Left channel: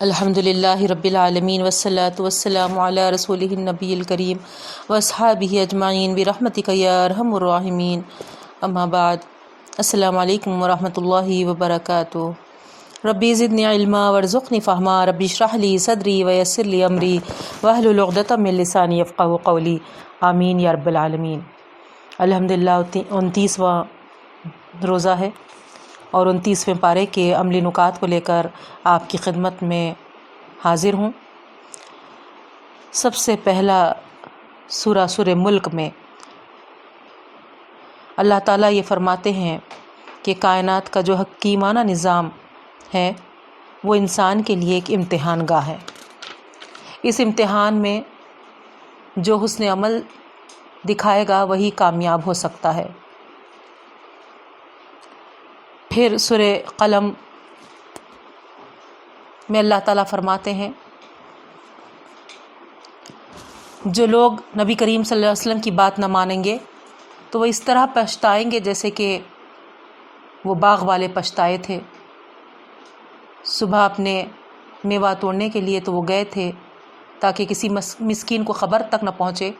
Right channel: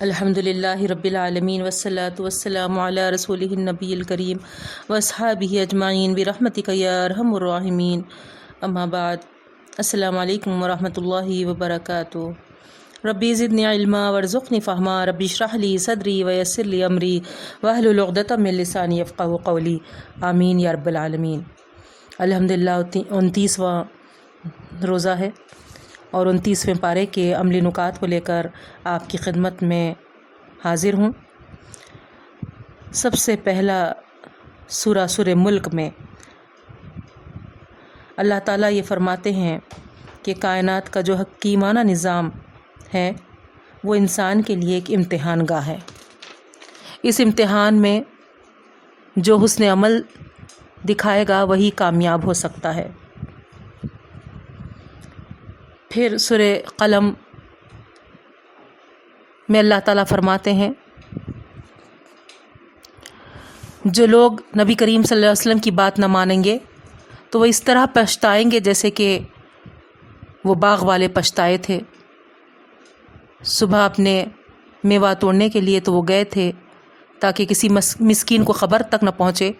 الحمدللہ رب العالمین والصلاة والسلام علی رسولہ النبی الکریم واصحابہ اجمعین برحمتک یا ارحم الراحمین، اما بعد۔ السلام علیکم ورحمۃ اللہ وبرکاتہ۔ ربی زدنی علما وارزقنی فہما، ربی اشرح لی صدری ویسر لی امری واحلل عقدۃ من لسانی یفقہوا قولی، آمین یا رب العالمین۔ الحمدللہ 29واں روزہ ہے اور 29ویں پارے کے عملی نکات کو لے کر آپ کی خدمت میں حاضر ہوں۔ سب سے پہلا سورہ ملک میں اللہ تعالیٰ یہ فرماتے ہیں کہ کائنات کا جو حکیمانہ نظام ہے وہ انسان کے لیے ایک امتحان گاہ ہے۔ اس امتحان میں جو حسن عمل دکھائے گا وہی کامیاب ہو سکتا ہے۔ پھر سورہ قلم میں اللہ تعالیٰ فرماتے ہیں جو لوگ نبی کریم صلی اللہ علیہ وسلم کی بات نہ مانیں گے تو وہ اس طرح پچھتائیں گے جیسے کہ وہ باغ والے پچھتائے تھے۔ صبح اپنے میوہ توڑنے کے لیے تو وہ گئے تھے تاکہ کسی مسکین کو خبر تک نہ پہنچے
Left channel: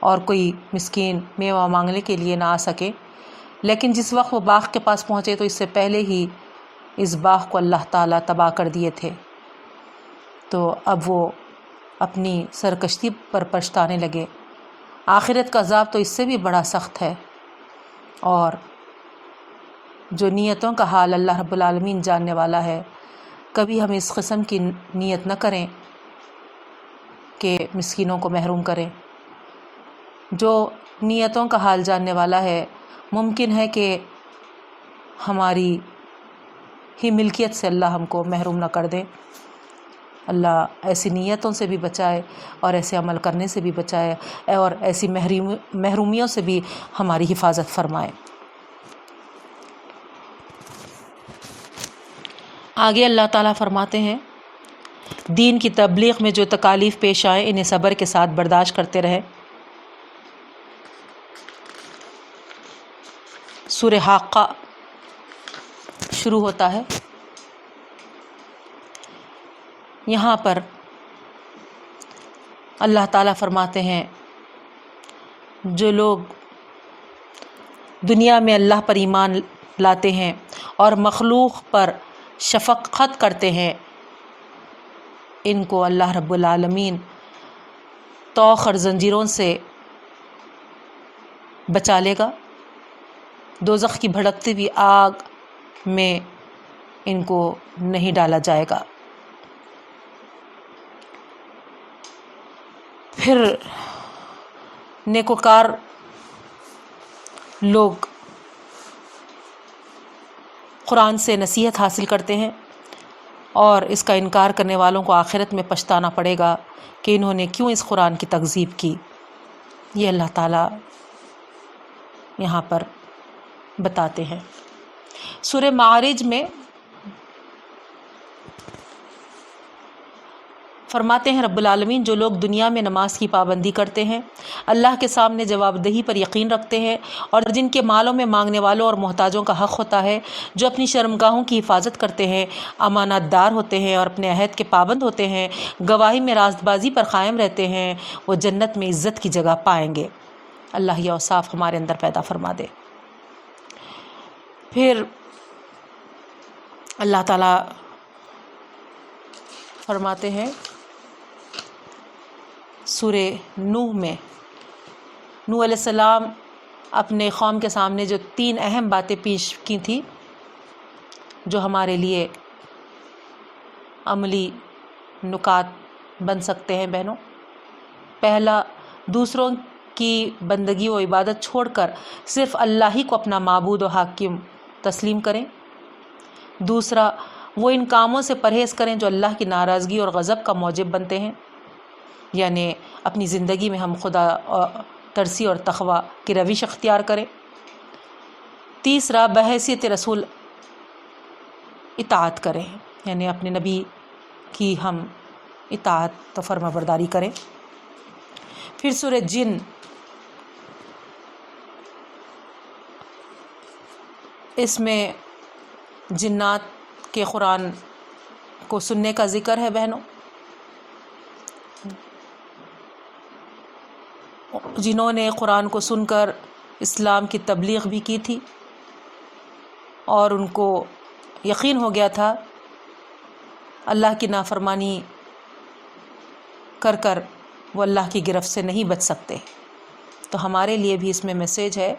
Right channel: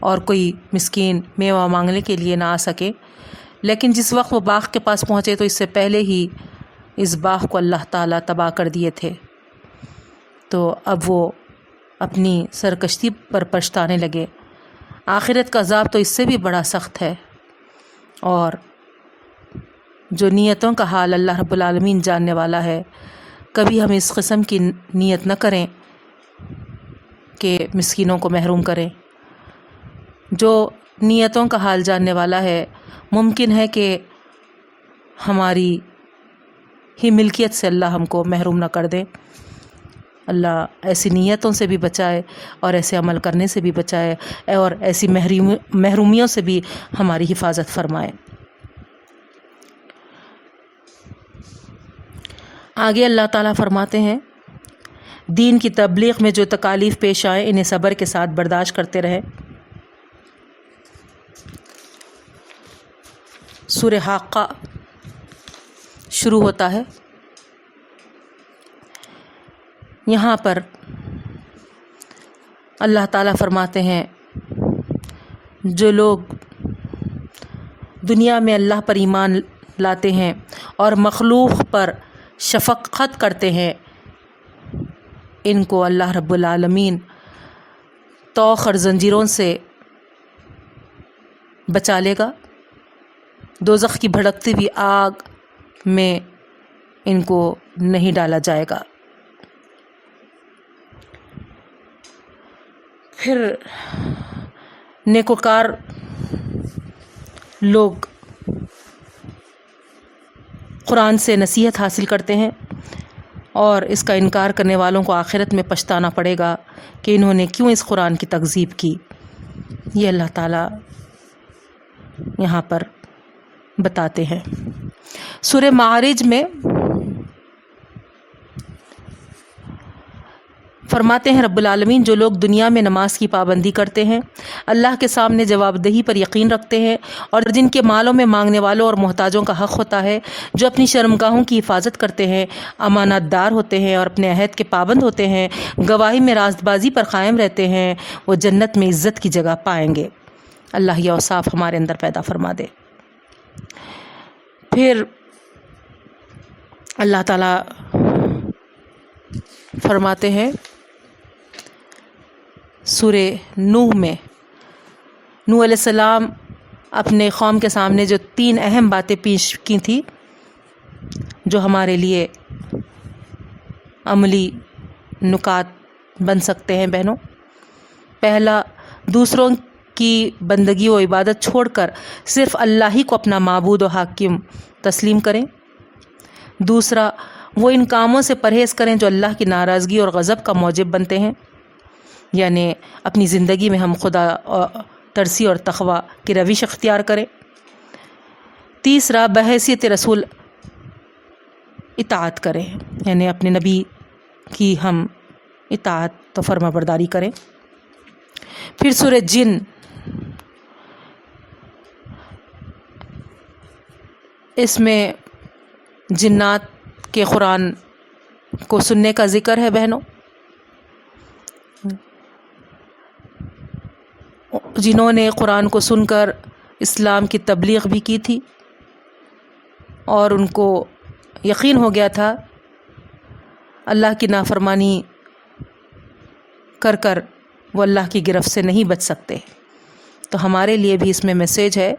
اور کوئی مسکین میوہ مانگنے کے لیے نہ آ سکے، لیکن جس وقت وہ باغ کے پاس پہنچے تو اس سے پہلے ہی اس باغ کو اللہ تعالیٰ تباہ کر دیے تھے۔ تو اب وہ اپنی سرکشی پر پچھتانے لگے۔ آخرت کا عذاب تو اس سے بھی بڑا سخت ہے، اور جو نیتوں کا حال اللہ رب العالمین جاننے والا ہے۔ کبھی ہم اس قسم کی نیت نہ کریں کہ مسکینوں کو محروم کریں۔ جو نیتوں کا حال جاننے والا ہے، ممکن ہے کہ ہماری ہی ملکیت سے اللہ ہم کو محروم نہ کر دے۔ اللہ ایسی نیتوں سے بھی بچائے اور ایسے عمل کرنے سے بھی بچائے اور ایسی محرومیوں سے بھی ہماری حفاظت فرمائے۔ آگے اللہ تعالیٰ فرماتے ہیں دین کی تبلیغ میں جو تکالیف پیش آئیں انہیں صبر کے ساتھ برداشت کرتے رہے۔ سورہ حاقہ شروع ہوتا ہے۔ یہاں پر اللہ تعالیٰ فرماتے ہیں جو لوگ دنیا میں اللہ پر ایمان لاتے ہیں اور مخلوق پر شفقت کرتے ہیں، ان کو اللہ رب العالمین طوق اور زنجیروں سے بچا لے گا۔ دوزخ کی بھڑکتی ہوئی آگ میں ان کو نہیں ڈالا جائے گا۔ پھر نیکوکار لوگ قرآن سے نصیحت حاصل کرتے ہیں اور اس کا انکار کرنے والوں کو آخرت میں پچھتانا پڑے گا کہ انہوں نے کیوں اس قرآن کی تکذیب کی۔ یہ اللہ تعالیٰ یہاں پر بتاتے ہیں۔ سورہ معارج میں فرماتے ہیں رب العالمین جو لوگ دنیا میں نماز کی پابندی کرتے ہیں، اللہ کے سامنے جواب دہی پر یقین رکھتے ہیں، اور جن کے مالوں میں مانگنے والوں اور محتاجوں کا حق ہوتا ہے، جو اپنی شرمگاہوں کی حفاظت کرتے ہیں، امانت دار ہوتے ہیں اور اپنے عہد کے پابند ہوتے ہیں، گواہی میں راست بازی پر قائم رہتے ہیں، وہ جنت میں عزت کی جگہ پائیں گے۔ اللہ یہ اوصاف ہمارے اندر پیدا فرما دے۔ پھر اللہ تعالیٰ فرماتے ہیں سورہ نوح میں، نوح علیہ السلام اپنے قوم کے سامنے جو 3 اہم باتیں پیش کی تھیں جو ہمارے لیے عملی نکات بن سکتے ہیں بہنوں۔ پہلا، دوسروں کی بندگی و عبادت چھوڑ کر صرف اللہ ہی کو اپنا معبود و حاکم تسلیم کریں۔ دوسرا، وہ ان کاموں سے پرہیز کریں جو اللہ کی ناراضگی اور غضب کا موجب بنتے ہیں، یعنی اپنی زندگی میں ہم خدا ترسی اور تقوی کی روش اختیار کریں۔ تیسرا، بحیثیت رسول اطاعت کریں، یعنی اپنے نبی کی ہم اطاعت و فرما برداری کریں۔ پھر سورہ جن، اس میں جنات کے قرآن کو سننے کا ذکر ہے بہنوں، جنہوں نے قرآن کو سن کر اسلام کی تبلیغ بھی کی تھی اور ان کو یقین ہو گیا تھا اللہ کی نافرمانی کر کر وہ اللہ کی گرفت سے نہیں بچ سکتے۔ تو ہمارے لیے بھی اس میں میسیج ہے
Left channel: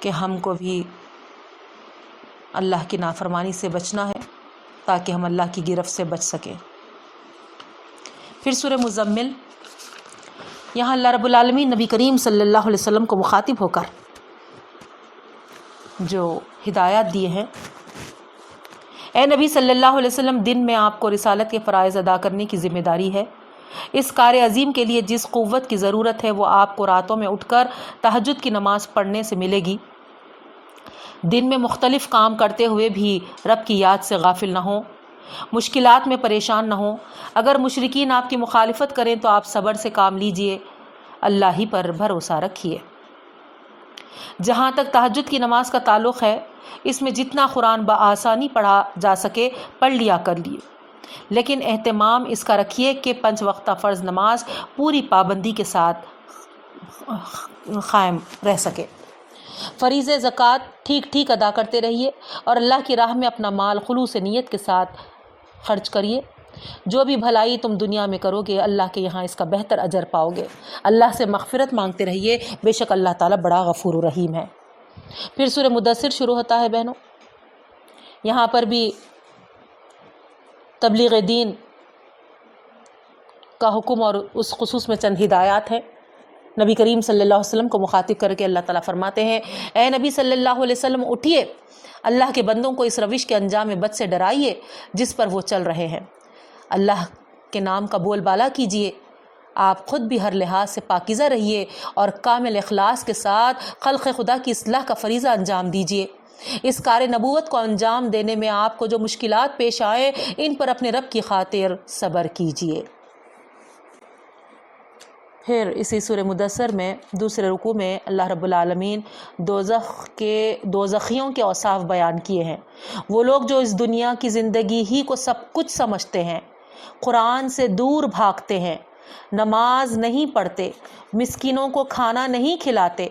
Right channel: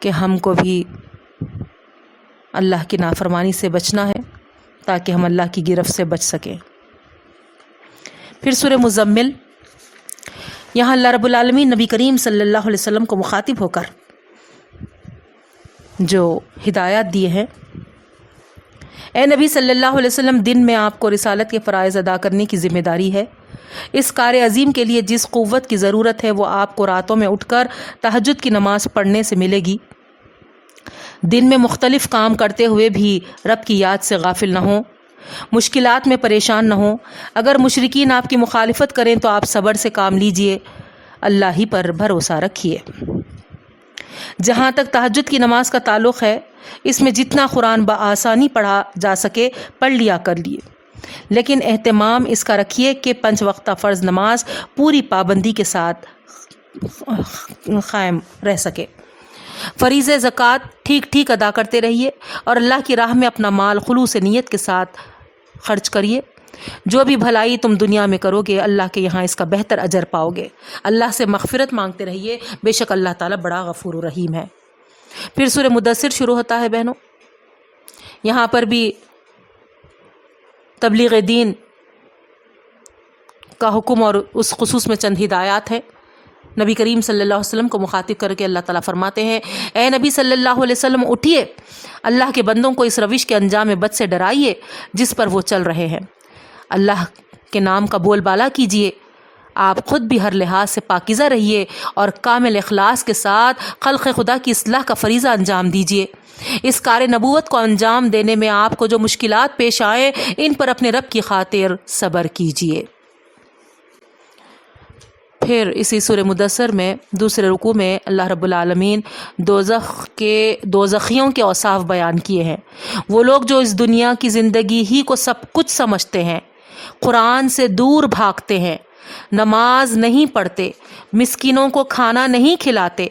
کہ ہم کو بھی اللہ کی نافرمانی سے بچنا ہے تاکہ ہم اللہ کی گرفت سے بچ سکیں۔ پھر سورہ مزمل، یہاں اللہ رب العالمین نبی کریم صلی اللہ علیہ وسلم کو مخاطب ہو کر جو ہدایات دیے ہیں، اے نبی صلی اللہ علیہ وسلم، دن میں آپ کو رسالت کے فرائض ادا کرنے کی ذمہ داری ہے۔ اس کار عظیم کے لیے جس قوت کی ضرورت ہے وہ آپ کو راتوں میں اٹھ کر تہجد کی نماز پڑھنے سے ملے گی۔ دن میں مختلف کام کرتے ہوئے بھی رب کی یاد سے غافل نہ ہوں، مشکلات میں پریشان نہ ہوں۔ اگر مشرکین آپ کی مخالفت کریں تو آپ صبر سے کام لیجئے، اللہ ہی پر بھروسہ رکھیے۔ جہاں تک تہجد کی نماز کا تعلق ہے، اس میں جتنا قرآن بآسانی پڑھا جا سکے پڑھ لیا کریے، لیکن اہتمام اس کا رکھیے کہ 5 وقتہ فرض نماز پوری پابندی کے ساتھ قائم رہ سکے۔ فریضہ زکوٰۃ ٹھیک ادا کرتے رہیے اور اللہ کی راہ میں اپنا مال خلوص نیت کے ساتھ خرچ کریے۔ جو بھی بھلائی تم دنیا میں کرو گے اللہ کے یہاں اس کا بہتر اجر پاؤ گے۔ اللہ سے مغفرت مانگتے رہیے، بے شک اللہ تعالیٰ بڑا غفور و رحیم ہے۔ پھر سورہ مدثر شروع ہوتا ہے بہنوں، یہاں پر بھی تبلیغ دین کا حکم اور اس خصوص میں چند ہدایات ہیں۔ نبی کریم صلی اللہ علیہ وسلم کو مخاطب کر کے اللہ تعالیٰ فرماتے ہیں، اے نبی صلی اللہ علیہ وسلم، اٹھیے، اللہ کے بندوں کو اس روش کے انجام بد سے ڈرائیے جس پر وہ چل رہے ہیں۔ اللہ کے نام کا بول بالا کیجیے، آپ خود بھی ہر لحاظ سے پاکیزہ رہیے اور کامل اخلاص کے ساتھ خلق خدا کی اصلاح کا فریضہ انجام دیجیے۔ اس کار نبوت کو انجام دینے میں آپ کو جو مشکلات پیش آئیں ان پر اپنے رب کی خاطر صبر کیجیے۔ پھر اسی سورہ مدثر میں دوسرے رکوع میں اللہ رب العالمین دوزخیوں کے اوصاف بیان کیے ہیں۔ وہ لوگ جو اس دنیا کی زندگی ہی کو سب کچھ سمجھتے ہیں، قرآن سے دور بھاگتے ہیں، نماز نہیں پڑھتے، مسکینوں کو کھانا نہیں کھلاتے،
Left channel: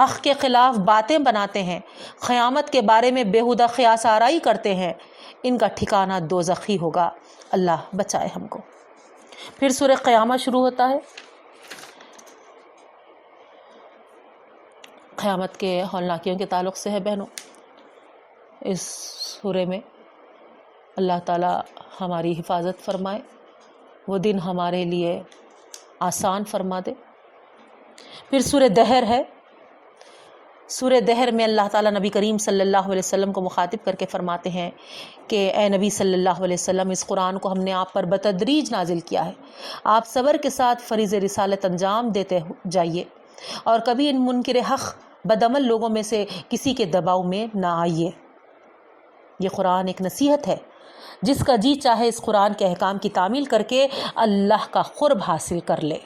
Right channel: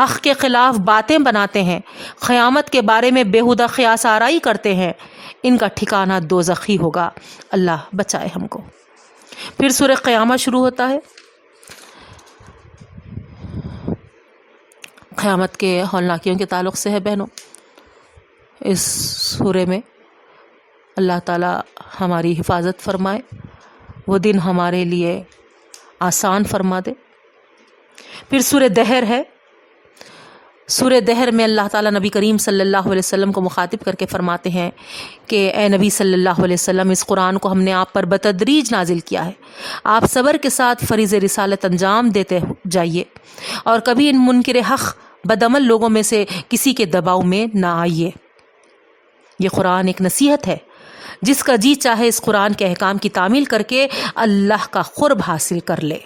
حق کے خلاف باتیں بناتے ہیں، قیامت کے بارے میں بیہودہ قیاس آرائی کرتے ہیں، ان کا ٹھکانہ دوزخی ہوگا۔ اللہ بچائے ہم کو۔ پھر سورہ قیامت شروع ہوتا ہے، قیامت کے ہولناکیوں کے تعلق سے ہے بہنوں۔ اس سورے میں اللہ تعالیٰ ہماری حفاظت فرمائے، وہ دن ہمارے لیے آسان فرما دے۔ پھر سورہ دہر ہے، سورہ دہر میں اللہ تعالیٰ نبی کریم صلی اللہ علیہ وسلم کو مخاطب کر کے فرماتے ہیں کہ اے نبی صلی اللہ علیہ وسلم، اس قرآن کو ہم نے آپ پر بتدریج نازل کیا ہے، آپ صبر کے ساتھ فریض رسالت انجام دیتے جائیے اور کبھی ان منکر حق بدعمل لوگوں میں سے کسی کے دباؤ میں نہ آئیے۔ یہ قرآن ایک نصیحت ہے، جس کا جی چاہے اس قرآن کے احکام کی تعمیل کر کے اللہ کا قرب حاصل کر لے۔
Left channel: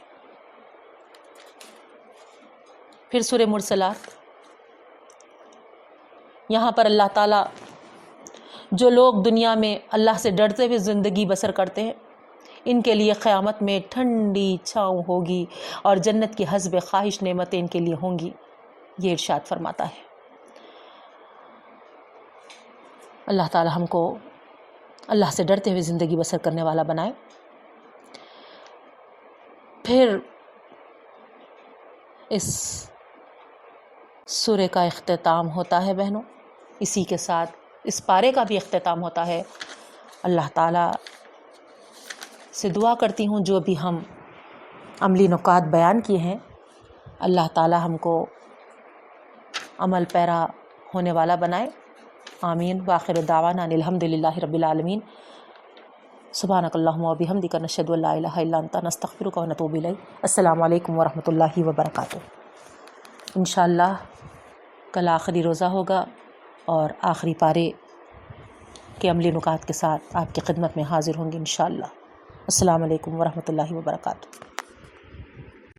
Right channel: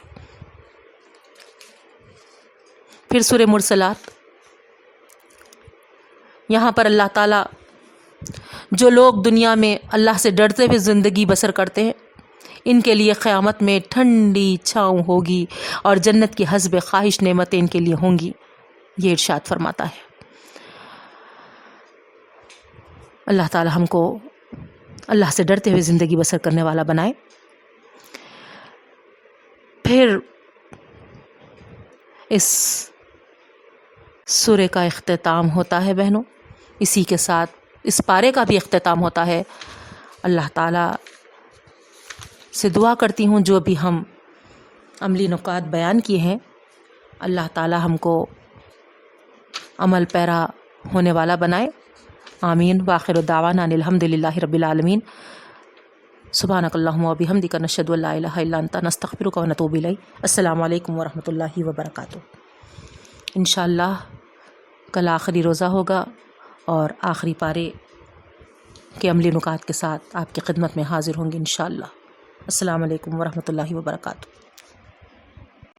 پھر سورہ مرسلات، یہاں پر اللہ تعالیٰ جو لوگ دنیا میں اللہ سے ڈرتے ہوئے زندگی بسر کرتے ہیں ان کے لیے قیامت میں ٹھنڈی چھاؤں ہوگی اور جنت کی حسب خواہش نعمتیں ان کے لیے ہوں گی، یہ ارشاد فرماتا ہے۔ اللہ تعالیٰ ہم کو اللہ سے ڈرتے ہوئے زندگی بسر کرنے والا بنائے۔ پھر اس سورے کا اختتام ہوتا ہے بہنوں، اسی کے ساتھ اس پارے کا بھی اختتام ہوتا ہے۔ اللہ تعالیٰ سے دعا کرتی ہوں جو بھی ہم عملی نکات بیان کیے ہیں، اللہ تعالیٰ ہم کو عمل پیرا ہونے والا بنائے۔ آمین۔ وآخر دعوانا ان الحمد للہ رب العالمین۔ سبحانک اللہم و بحمدک، نشہد ان لا الہ الا انت، نستغفرک و نتوب الیک۔ السلام علیکم ورحمۃ اللہ وبرکاتہ۔ انشاءاللہ کل آخری روزہ ہوگا اور آخری پارے کے عملی نکات کے ساتھ آپ کی خدمت میں حاضر ہوں گے انشاءاللہ۔ السلام علیکم ورحمۃ اللہ وبرکاتہ۔